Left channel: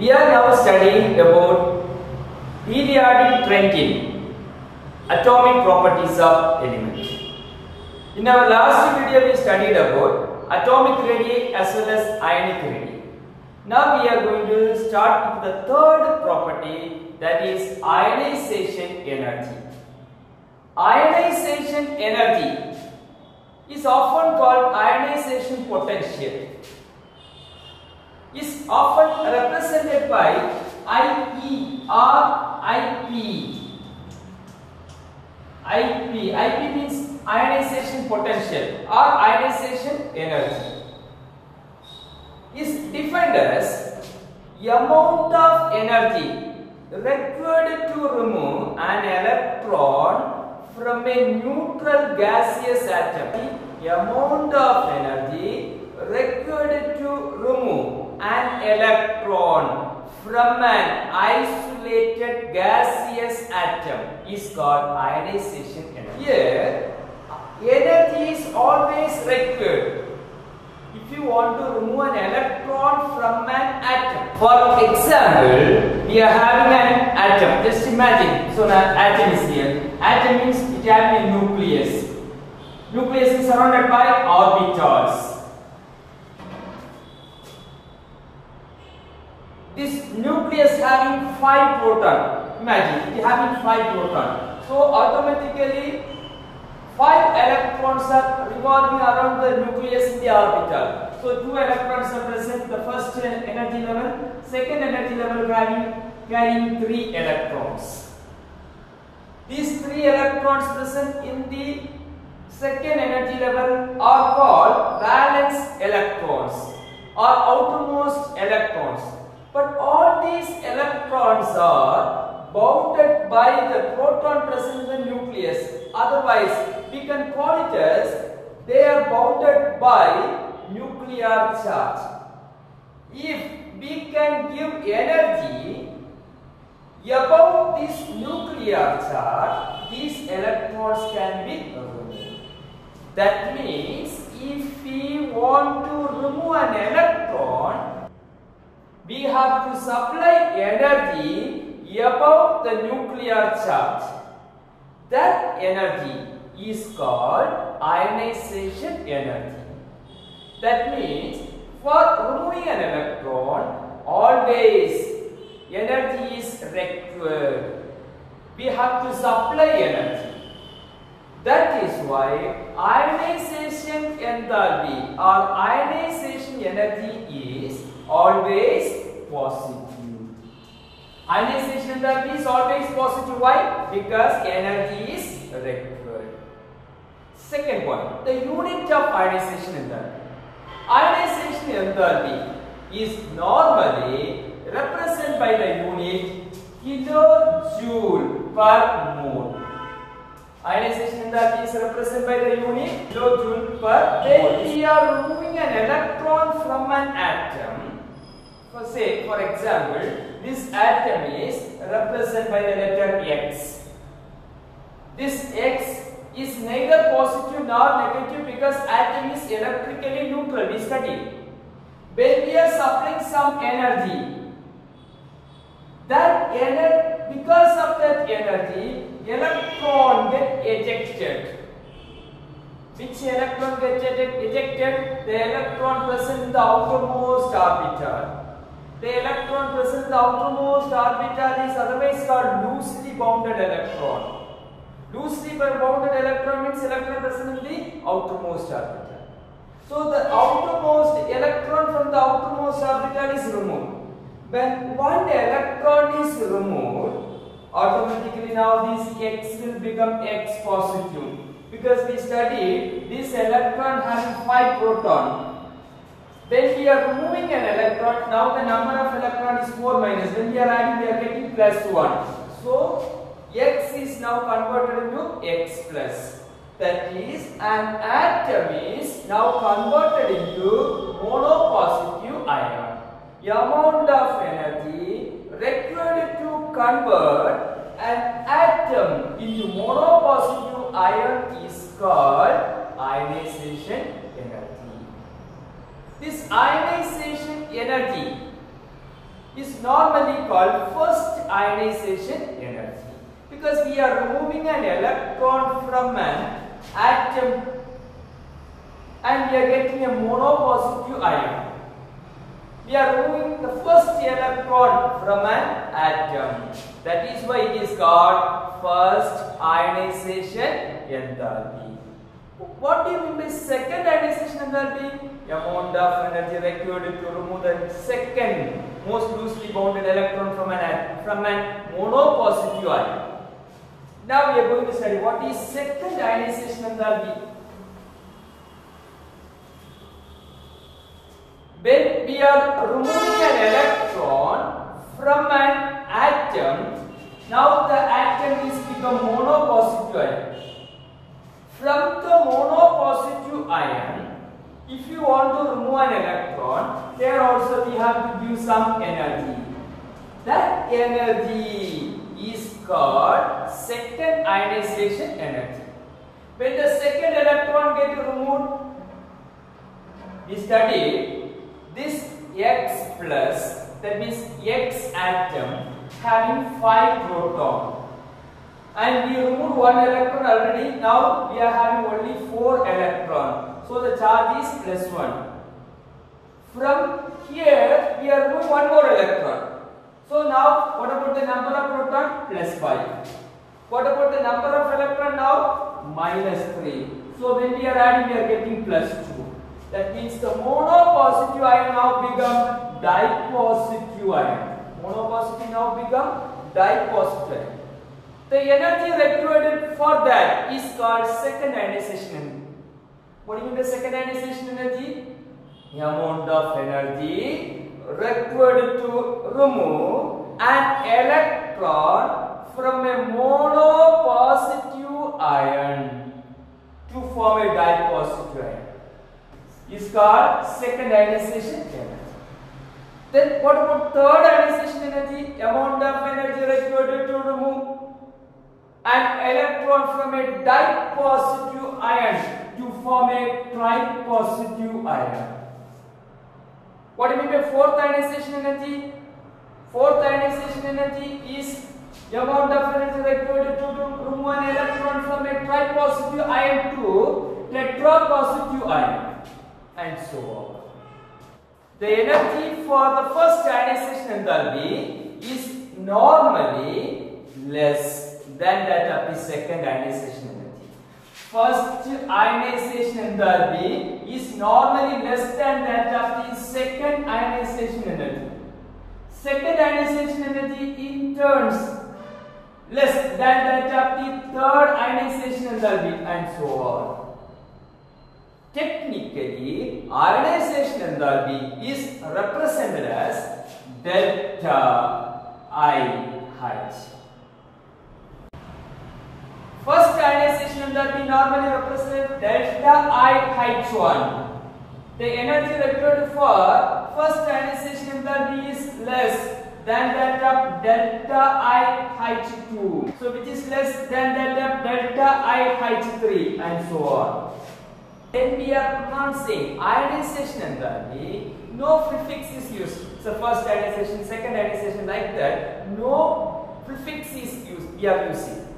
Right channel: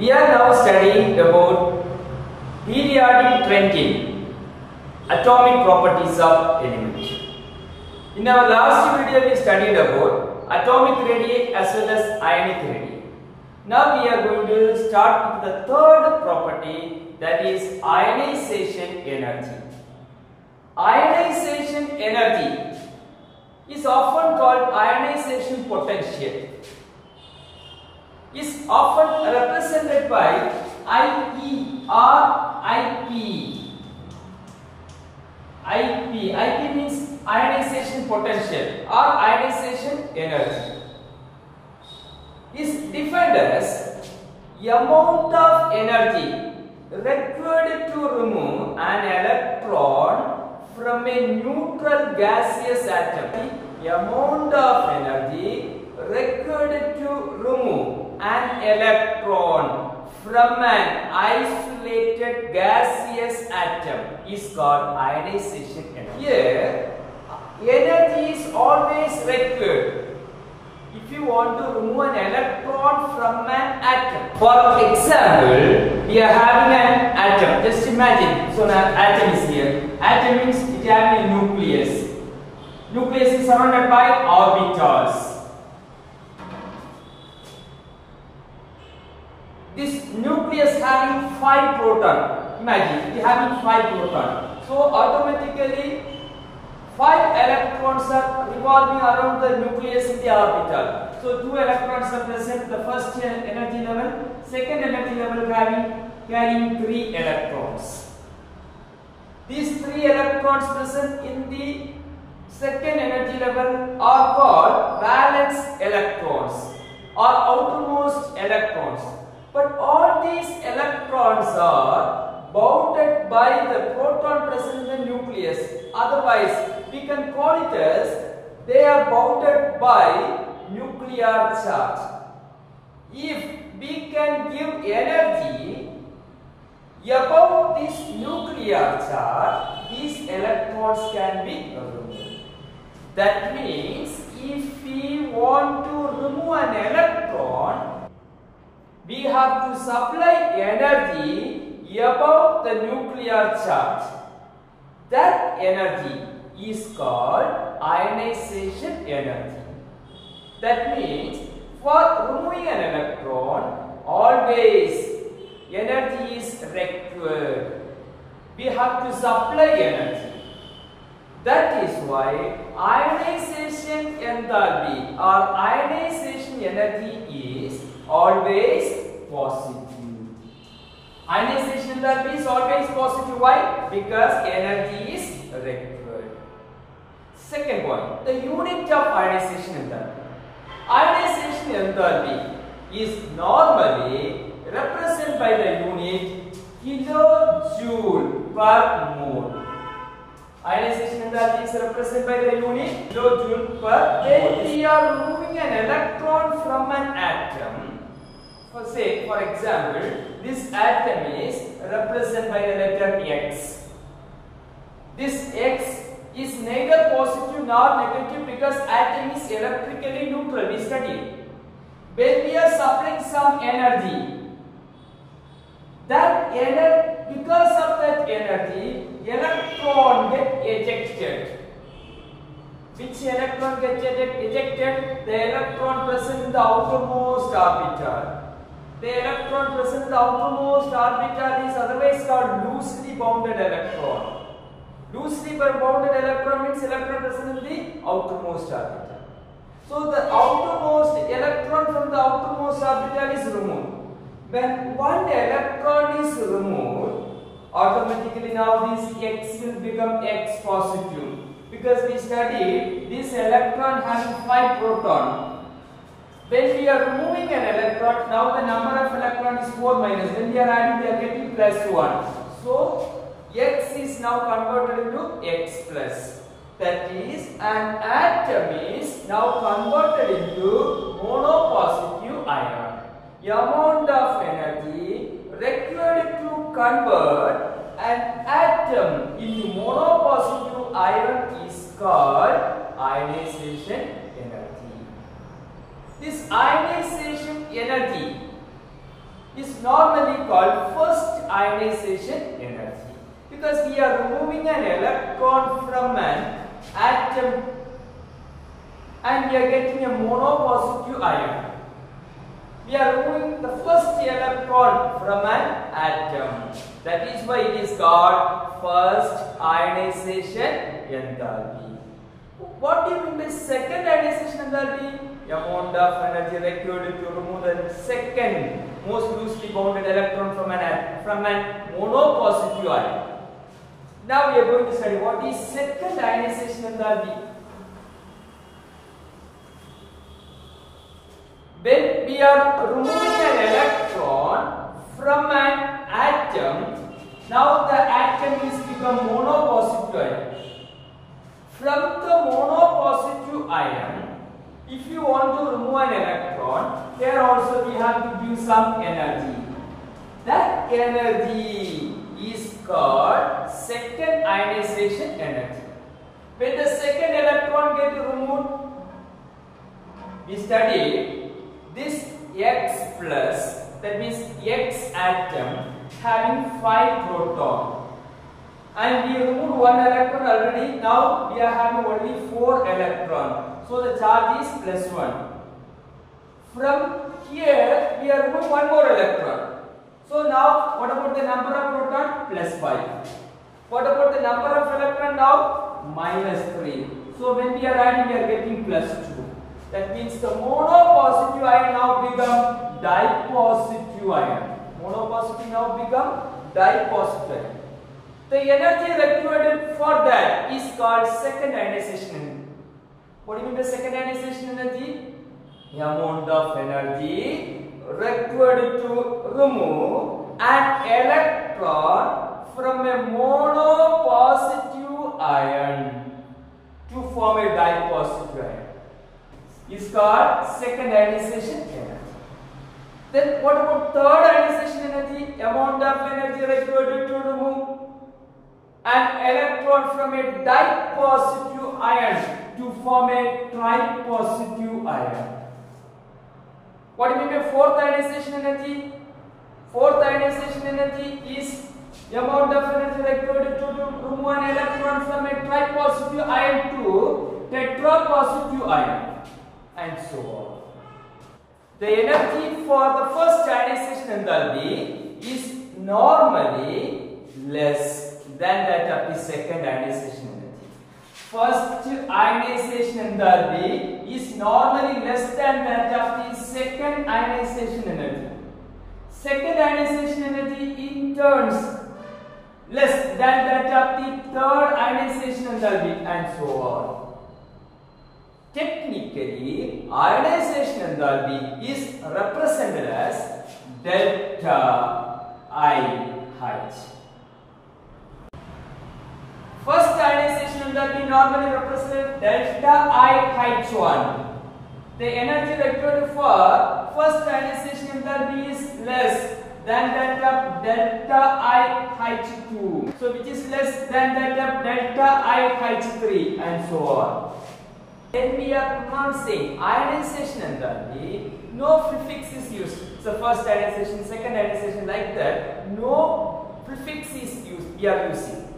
We are now studying about periodic trending, atomic properties of element. In our last video we studied about atomic radii as well as ionic radii. Now we are going to start with the third property, that is ionization energy. Ionization energy is often called ionization potential. Is often represented by IE or IP. IP means ionization potential or ionization energy. Is defined as amount of energy required to remove an electron from a neutral gaseous atom. The amount of energy required to remove an electron from an isolated gaseous atom is called ionization energy. Here, energy is always required if you want to remove an electron from an atom. For example, we are having an atom. Just imagine, so now atom is here. Atom means it has a nucleus. Nucleus is surrounded by orbitals. This nucleus having 5 protons. Imagine it having 5 protons. So automatically 5 electrons are revolving around the nucleus in the orbital. So 2 electrons represent the first energy level, second energy level carrying 3 electrons. These 3 electrons present in the second energy level are called valence electrons or outermost electrons. But all these electrons are bounded by the proton present in the nucleus. Otherwise, we can call it as they are bounded by nuclear charge. If we can give energy above this nuclear charge, these electrons can be removed. That means if we want to remove an electron, we have to supply energy above the nuclear charge. That energy is called ionization energy. That means for removing an electron, always energy is required. We have to supply energy. That is why ionization enthalpy or ionization energy is always positive. Ionization enthalpy is always positive. Why? Because energy is required. Second point, the unit of ionization enthalpy. Ionization enthalpy is normally represented by the unit kilojoule per mole. Ionization enthalpy is represented by the unit kilojoule per mole. When we are removing an electron from an atom, for example, this atom is represented by the letter X. This X is neither positive nor negative because atom is electrically neutral. We studied. When we are supplying some energy, because of that energy, electron get ejected. Which electron gets ejected? The electron present in the outermost orbital. The electron present in the outermost orbital is otherwise called loosely bounded electron. Loosely bounded electron means electron present in the outermost orbital. So the outermost electron from the outermost orbital is removed. When one electron is removed, automatically now this X will become X positive. Because we studied this electron having 5 protons. When we are removing an electron, now the number of electrons is 4 minus. When we are adding, we are getting plus 1. So X is now converted into X plus. That is, an atom is now converted into monopositive ion. The amount of energy required to convert an atom into monopositive ion is called ionization energy. This ionization energy is normally called first ionization energy, because we are removing an electron from an atom and we are getting a monopositive ion. We are removing the first electron from an atom. That is why it is called first ionization enthalpy. What do you mean by second ionization enthalpy? Amount of energy required to remove the second most loosely bounded electron from an monopositive ion. Now we are going to study what is second ionization enthalpy. When we are removing an electron from an atom, now the atom is become monopositive ion. From the monopositive ion, if you want to remove an electron, there also we have to give some energy. That energy is called second ionization energy. When the second electron gets removed, we studied this X plus, that means X atom having 5 protons, and we remove 1 electron already. Now we are having only 4 electrons, so the charge is plus 1. From here we are removing 1 more electron, so now what about the number of protons? Plus 5. What about the number of electron now? Minus 3. So when we are adding, we are getting plus 2. That means the monopositive ion now become dipositive ion. Monopositive now become dipositive ion. The energy required for that is called second ionization energy. What do you mean by second ionization energy? The amount of energy required to remove an electron from a monopositive ion to form a dipositive ion is called second ionization energy. Then what about third ionization energy? Amount of energy required to remove an electron from a dipositive ion to form a tripositive ion. What do you mean by fourth ionization energy? Fourth ionization energy is the amount of energy required to remove an electron from a tripositive ion to tetrapositive ion, and so on. The energy for the first ionization enthalpy is normally less than that of the second ionization energy. First ionization enthalpy is normally less than that of the second ionization energy. Second ionization energy in turns less than that of the third ionization enthalpy, and so on. Technically, ionization enthalpy is represented as delta IH. First ionization enthalpy normally represents delta IH1. The energy required for first ionization enthalpy is less than that of delta IH2. So which is less than that of delta IH3, and so on. When we are pronouncing ionization enthalpy, no prefix is used. So first ionization, second ionization, like that. No prefix is used. We are using.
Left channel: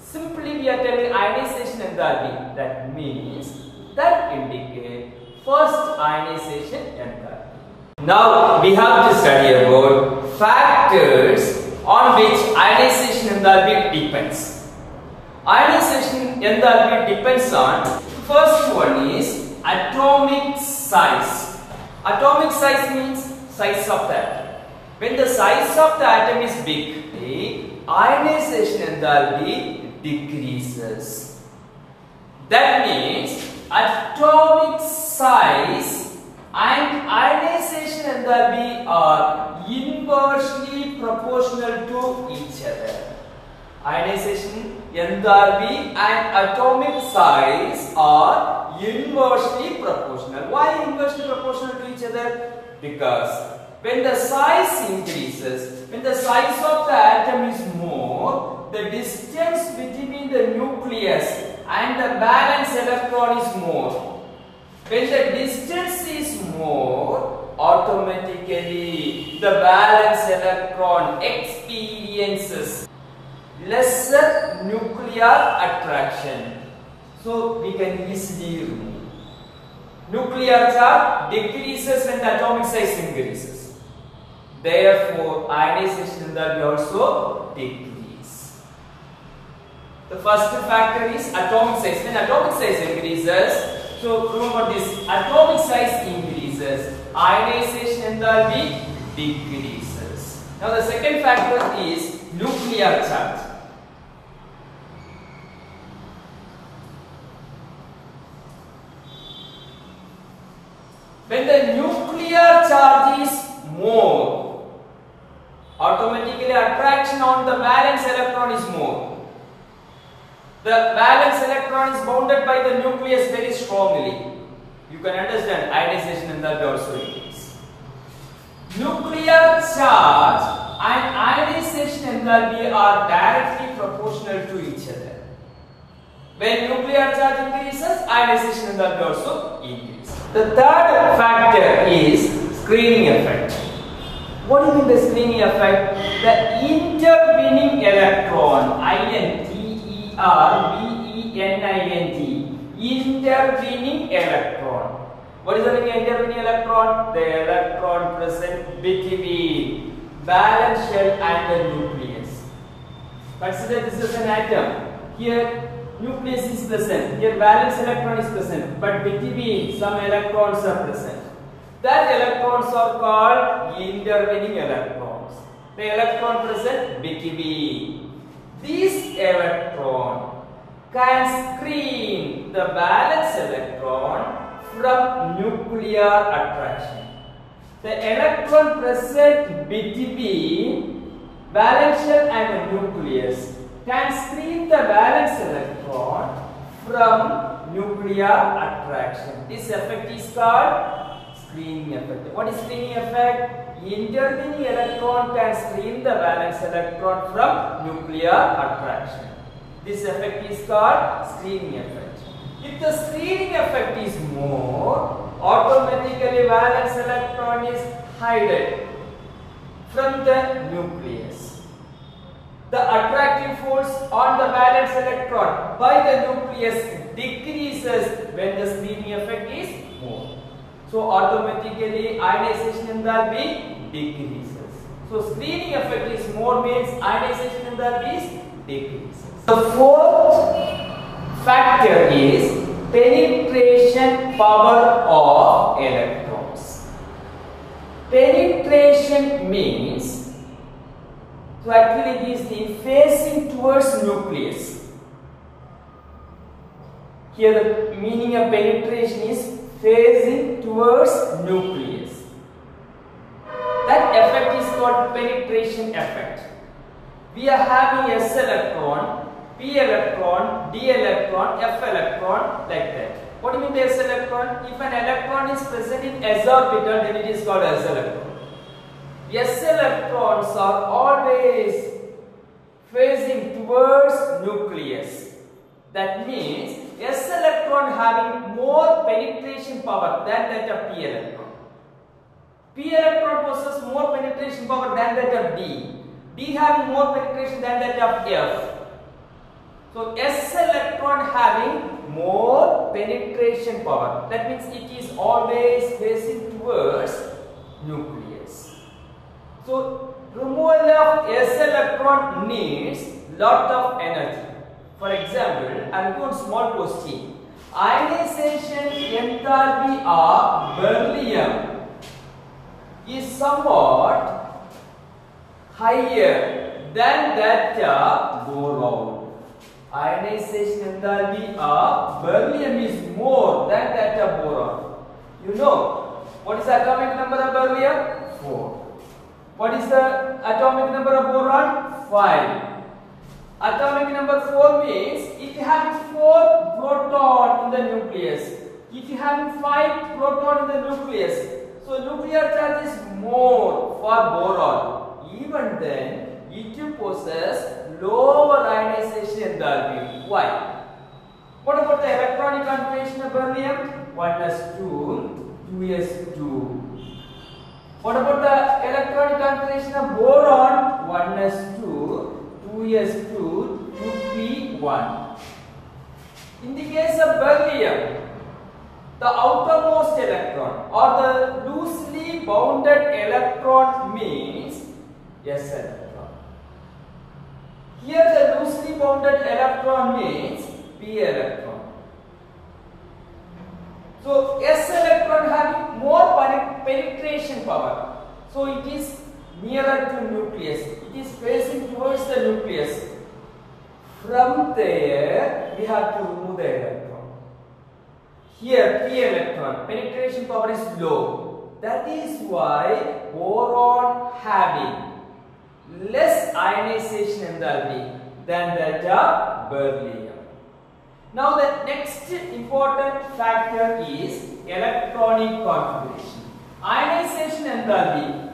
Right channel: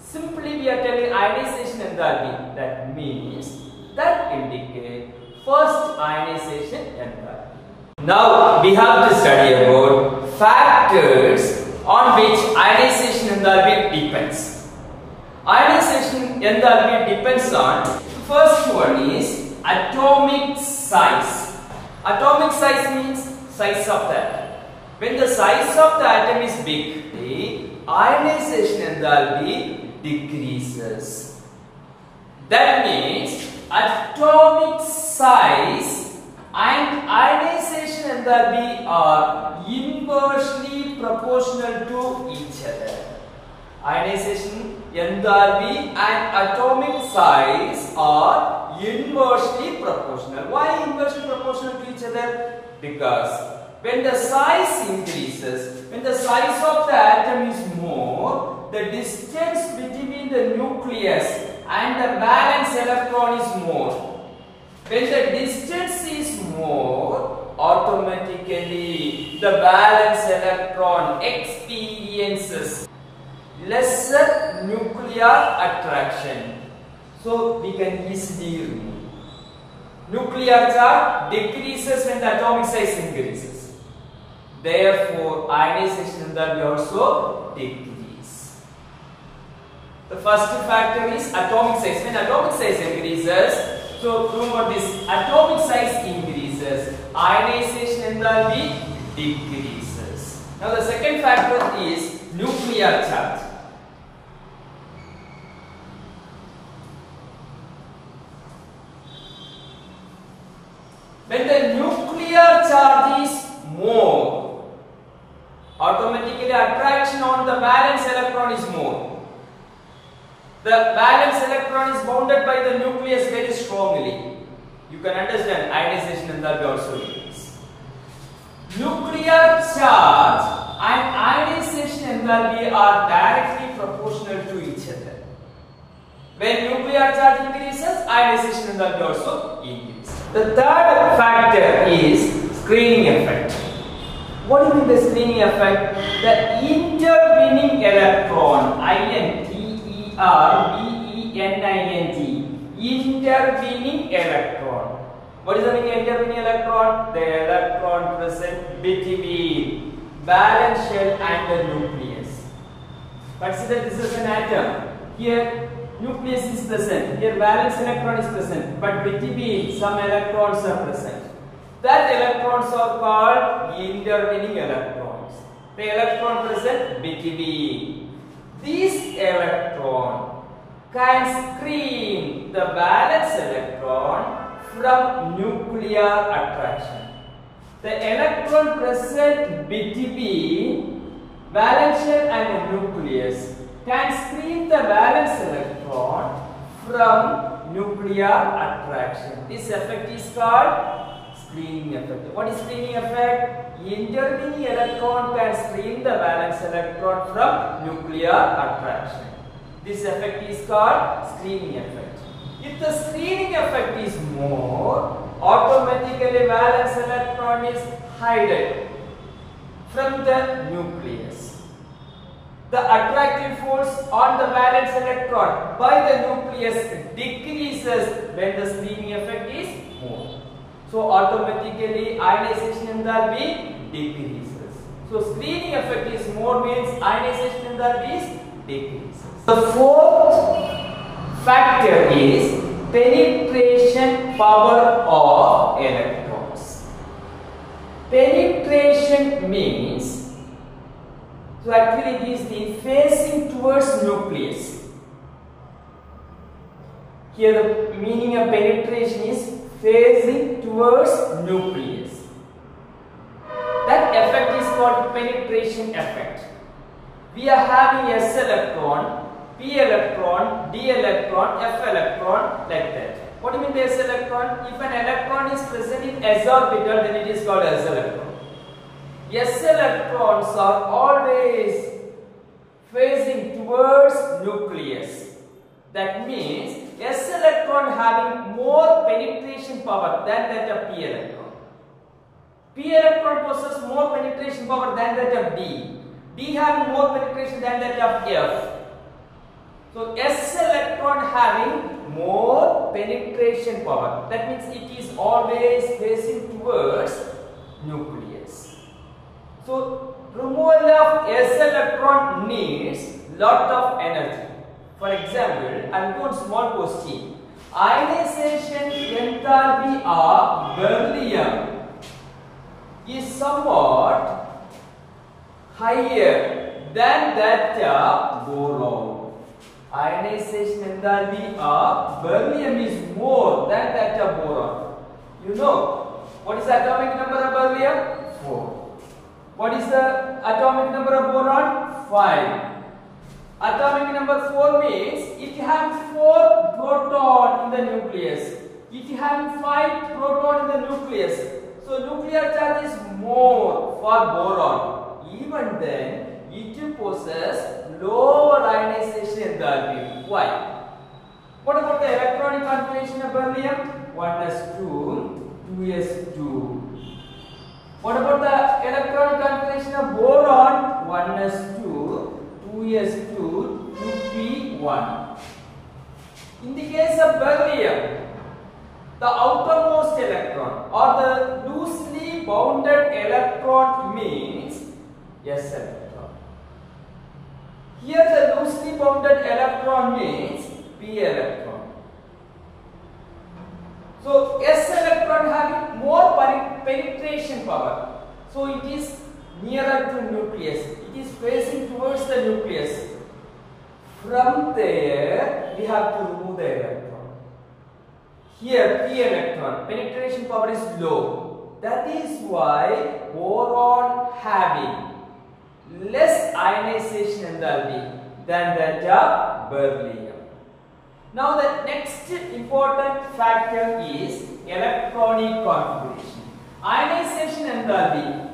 Simply we are telling ionization enthalpy. That means that indicate first ionization enthalpy. Now we have to study about factors on which ionization enthalpy depends. Ionization enthalpy depends on, first one is atomic size. Atomic size means size of the atom. When the size of the atom is big, the ionization enthalpy decreases. That means atomic size and ionization enthalpy are inversely proportional to each other. Ionization enthalpy and atomic size are inversely proportional. Why inversely proportional to each other? Because when the size increases, when the size of the atom is more, the distance between the nucleus and the valence electron is more. When the distance is more, automatically automatically the valence electron experiences lesser nuclear attraction. So we can easily remove. Nuclear charge decreases when the atomic size increases. Therefore, ionization enthalpy also decreases. The first factor is atomic size. When atomic size increases, so remember this, atomic size increases, ionization enthalpy decreases. Now the second factor is nuclear charge. When the nuclear charge is more, automatically attraction on the valence electron is more. The valence electron is bounded by the nucleus very strongly. You can understand ionization enthalpy also increases. Nuclear charge and ionization enthalpy are directly proportional to each other. When nuclear charge increases, ionization enthalpy also increases. The third factor is screening effect. What do you mean by screening effect? The intervening electron, intervening electron. What is the meaning of intervening electron? The electron present between valence shell and the nucleus. Consider this is an atom. Here nucleus is present, here valence electron is present, but between some electrons are present. That electrons are called intervening electrons. The electron present between. This electron can screen the valence electron from nuclear attraction. The electron present between valence shell and the nucleus can screen the valence electron from nuclear attraction. This effect is called screening effect. What is screening effect? Intervening electron can screen the valence electron from nuclear attraction. This effect is called screening effect. If the screening effect is more, automatically valence electron is hidden from the nucleus. The attractive force on the valence electron by the nucleus decreases when the screening effect is more. So automatically ionization enthalpy decreases. So screening effect is more means ionization enthalpy is decreases. The fourth factor is penetration power of electrons. Penetration means, so actually this is facing towards nucleus. Here the meaning of penetration is facing towards nucleus. That effect is called penetration effect. We are having S electron, P electron, D electron, F electron, like that. What do you mean by S electron? If an electron is present in S orbital, then it is called S electron. S electrons are always facing towards nucleus. That means S electron having more penetration power than that of P electron. P electron possesses more penetration power than that of D. D having more penetration than that of F. So S electron having more penetration power. That means it is always facing towards nucleus. So removal of S electron needs lot of energy. For example, I am going small question. Ionization enthalpy of beryllium is somewhat higher than that of boron. Ionization enthalpy of beryllium is more than that of boron. You know what is the atomic number of beryllium? 4. What is the atomic number of boron? 5. Atomic number 4 means if you have 4 proton in the nucleus, if you have 5 proton in the nucleus, so nuclear charge is more for boron. Even then, it possesses lower ionization enthalpy. Why? What about the electronic configuration of beryllium? 1s2, 2s2. What about the electronic configuration of boron? 1s2, 2s2, 2p1. In the case of beryllium, the outermost electron or the loosely bounded electron means s electron. Here the loosely bounded electron means p electron. So s electron having more penetration power. So it is nearer to nucleus. It is facing towards the nucleus. From there we have to remove the electron. Here p electron penetration power is low. That is why boron having less ionization enthalpy than that of beryllium. Now the next important factor is electronic configuration. Ionization enthalpy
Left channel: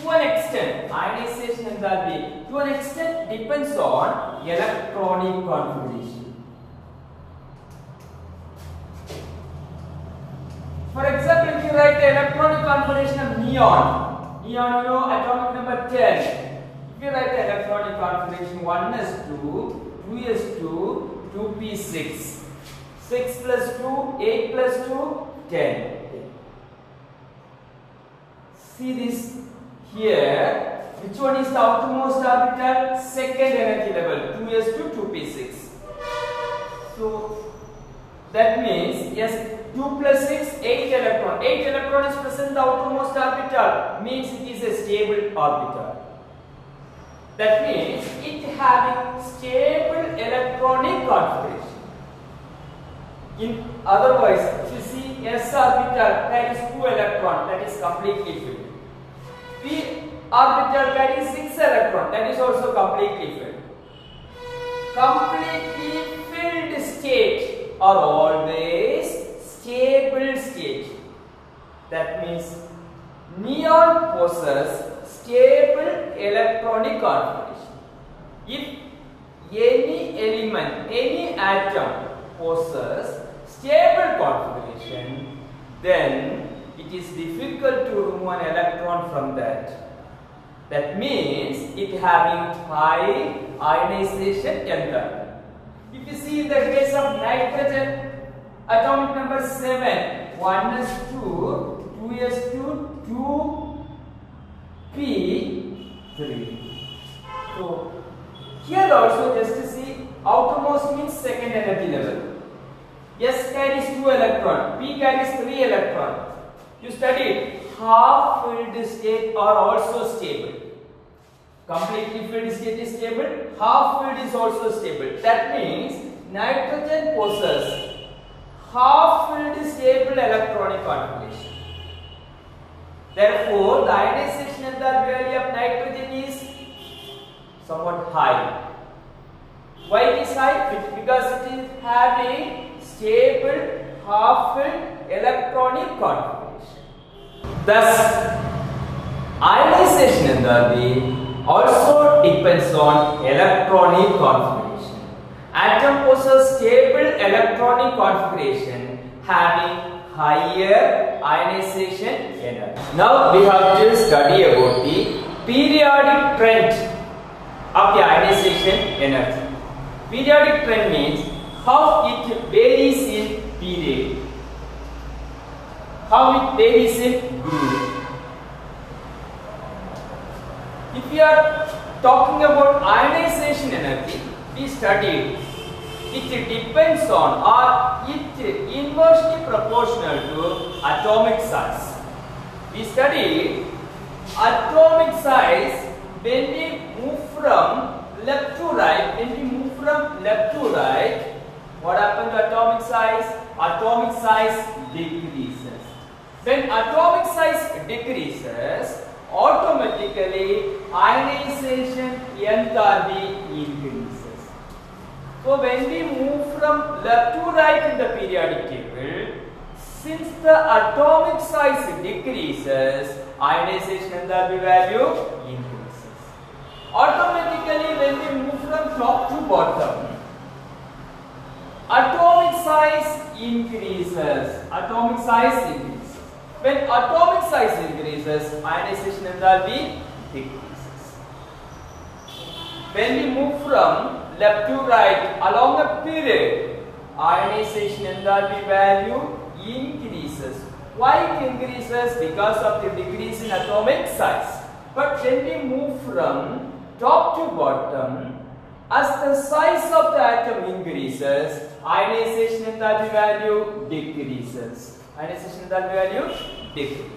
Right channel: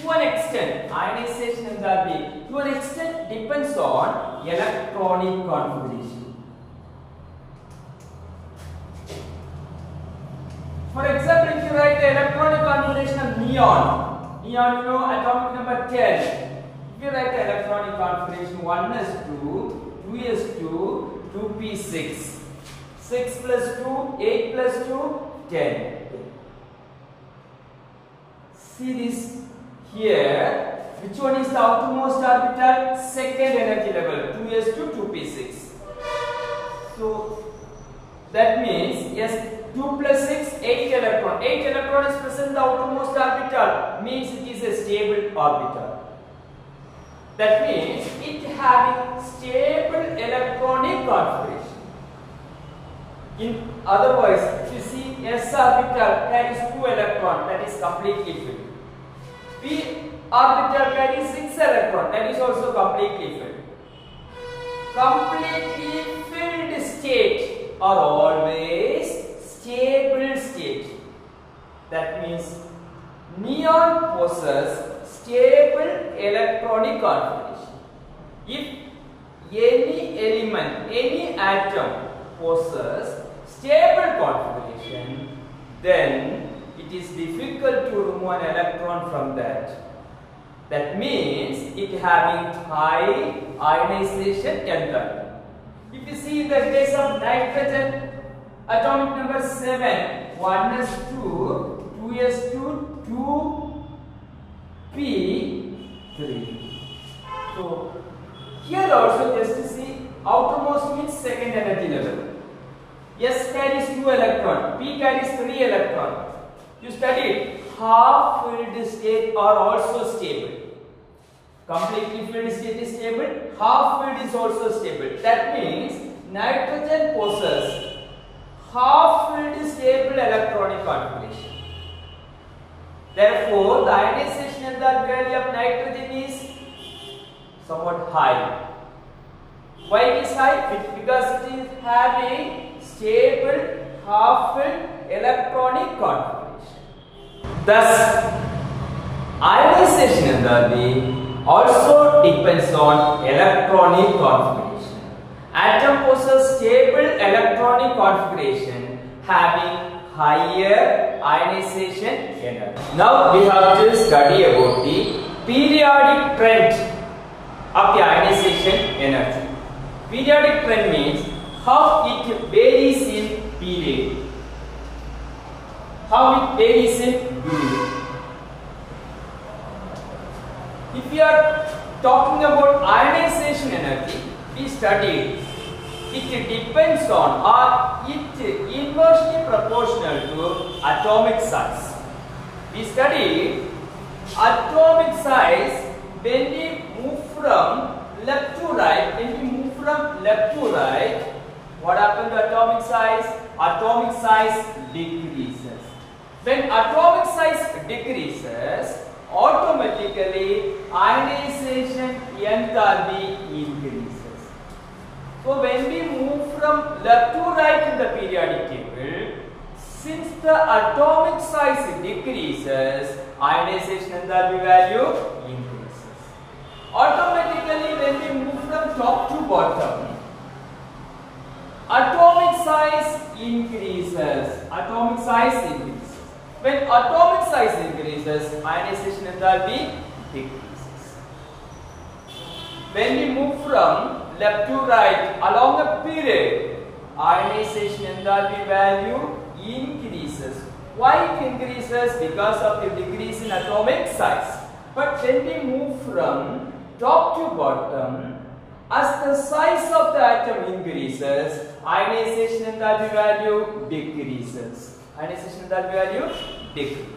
to an extent, ionization enthalpy to an extent depends on electronic configuration. For example, if you write the electronic configuration of neon, you know atomic number 10. If you write the electronic configuration 1s2, 2s2, 2p6, 6 plus 2, 8 plus 2, 10. See this here. Which one is the outermost orbital? Second energy level, 2s2, 2p6. So that means yes, 2 plus 6, 8 electron. 8 electron is present in the outermost orbital, means it is a stable orbital. That means it having stable electronic configuration. In otherwise, if you see s orbital carries 2 electrons, that is completely filled. P orbital carries 6 electrons, that is also completely filled. Completely filled state are always stable state. That means neon possesses stable electronic configuration. If any element, any atom possesses stable configuration, then it is difficult to remove an electron from that. That means it having high ionization enthalpy. If you see in the case of nitrogen, atomic number 7, 1s2, 2s2, 2p3. So here also just to see, outermost means second energy level. S carries 2 electron, P carries 3 electron. You studied half filled state are also stable. Completely filled state is stable, half filled is also stable. That means nitrogen possesses half filled stable electronic configuration. Therefore, the ionization enthalpy of nitrogen is somewhat high. Why it is high? Because it is having stable half-filled electronic configuration. Thus, ionization enthalpy also depends on electronic configuration. Atom possesses stable electronic configuration having higher ionization energy. Now we have to study about the periodic trend of the ionization energy. Periodic trend means how it varies in period. How it varies in period. If we are talking about ionization energy, we studied it depends on or it inversely proportional to atomic size. We studied atomic size when we move from left to right. When we move from left to right, what happens to atomic size? Atomic size decreases. When atomic size decreases, automatically ionization enthalpy increases. So when we move from left to right in the periodic table, since the atomic size decreases, ionization enthalpy value increases. Automatically when we move from top to bottom, atomic size increases. Atomic size increases. When atomic size increases, increases, ionization enthalpy decreases. When we move from left to right along a period, ionization enthalpy value increases. Why it increases? Because of the decrease in atomic size. But when we move from top to bottom, as the size of the atom increases, ionization enthalpy value decreases. Ionization enthalpy value decreases.